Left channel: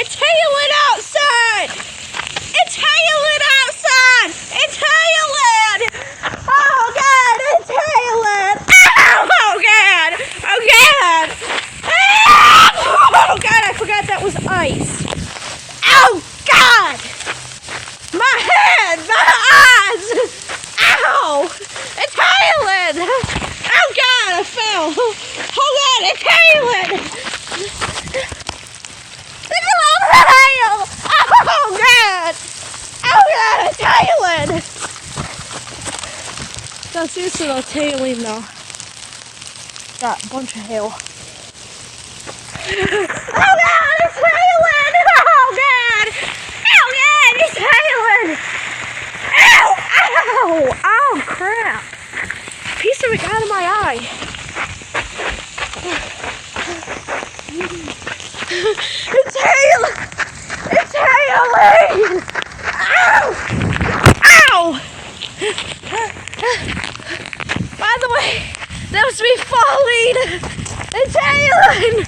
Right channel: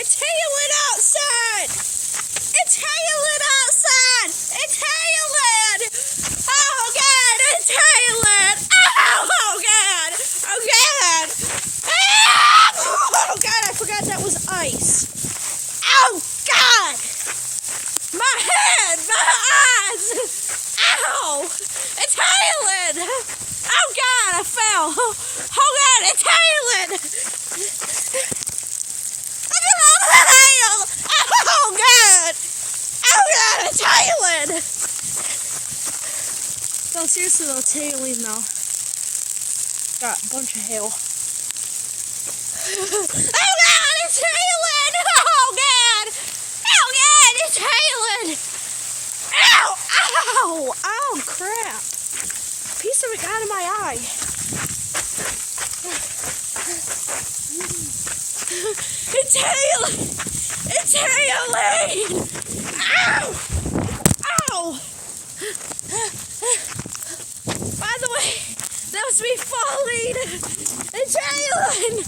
It's hailing outside! It's hailing outside! It's hailing! Oh God, it's hailing! Oh God! Oh God! Oh God, I forgot that was ice. Oh God! My head! My eyes! Ow! It's hailing! Oh God, I fell! Oh God, it's hailing! Look at all the hail! Oh God! Oh God, it's hailing! No, seriously though, it's hailing though. Got a bunch of hail. Oh God, it's hailing! Oh God! Oh God, it's hailing! Ow! Ow! Oh crap! Piece of it got out of my eye. It's hailing! It's hailing! Ow! Ow! By the way, that was me falling! It's hailing!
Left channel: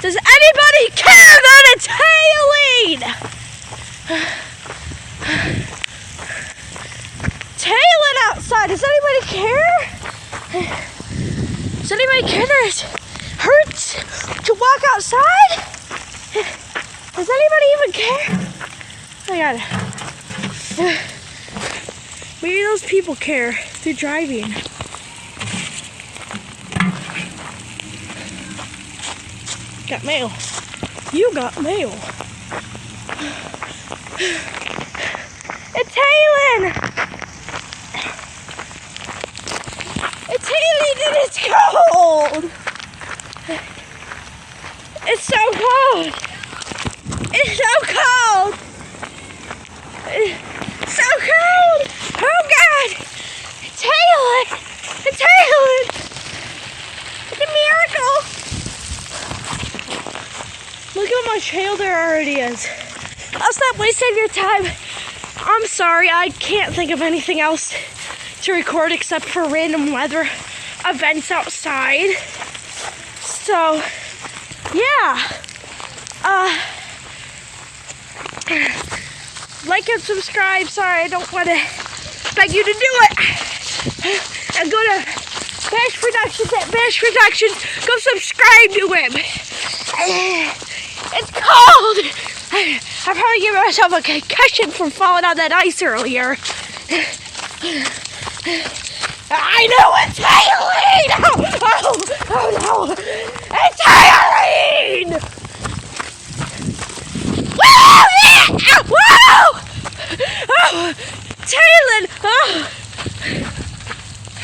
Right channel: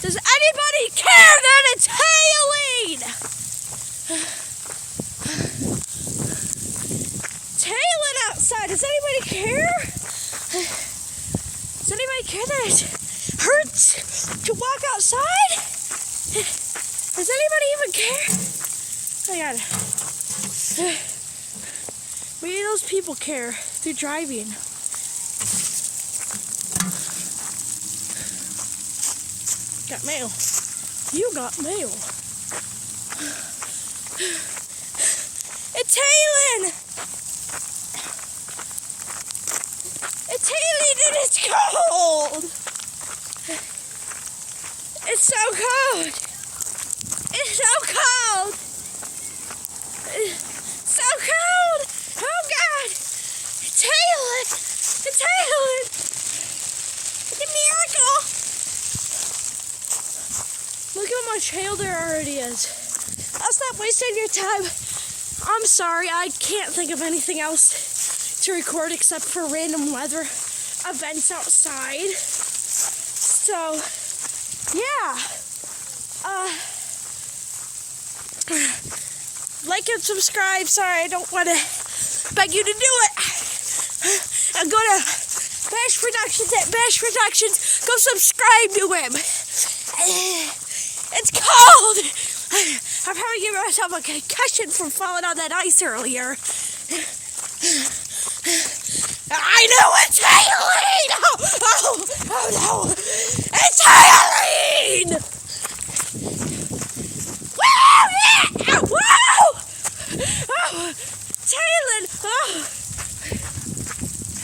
Does anybody care that it's hailing? It's hailing outside. Does anybody care? Does anybody care that it hurts to walk outside? Does anybody even care? Oh my God. Maybe those people care. They're driving. Got mail. You got mail. It's hailing! It's hailing and it's cold! It's so cold! It's so cold! It's so cold! Oh God! It's hailing! It's hailing! It's a miracle! Look how much hail there already is. I'll stop wasting your time. I'm sorry, I can't think of anything else to record except for random weather events outside. So, yeah. Like and subscribe. Sorry, I don't want to beg you to do it. And go to Bash Productions at Bash Productions. Go subscribe to him. It's cold. I probably gave myself a concussion from falling on that ice earlier. I know it's hailing! Oh no! It's hailing! Woo! Woo! Oh, it's hailing! Oh.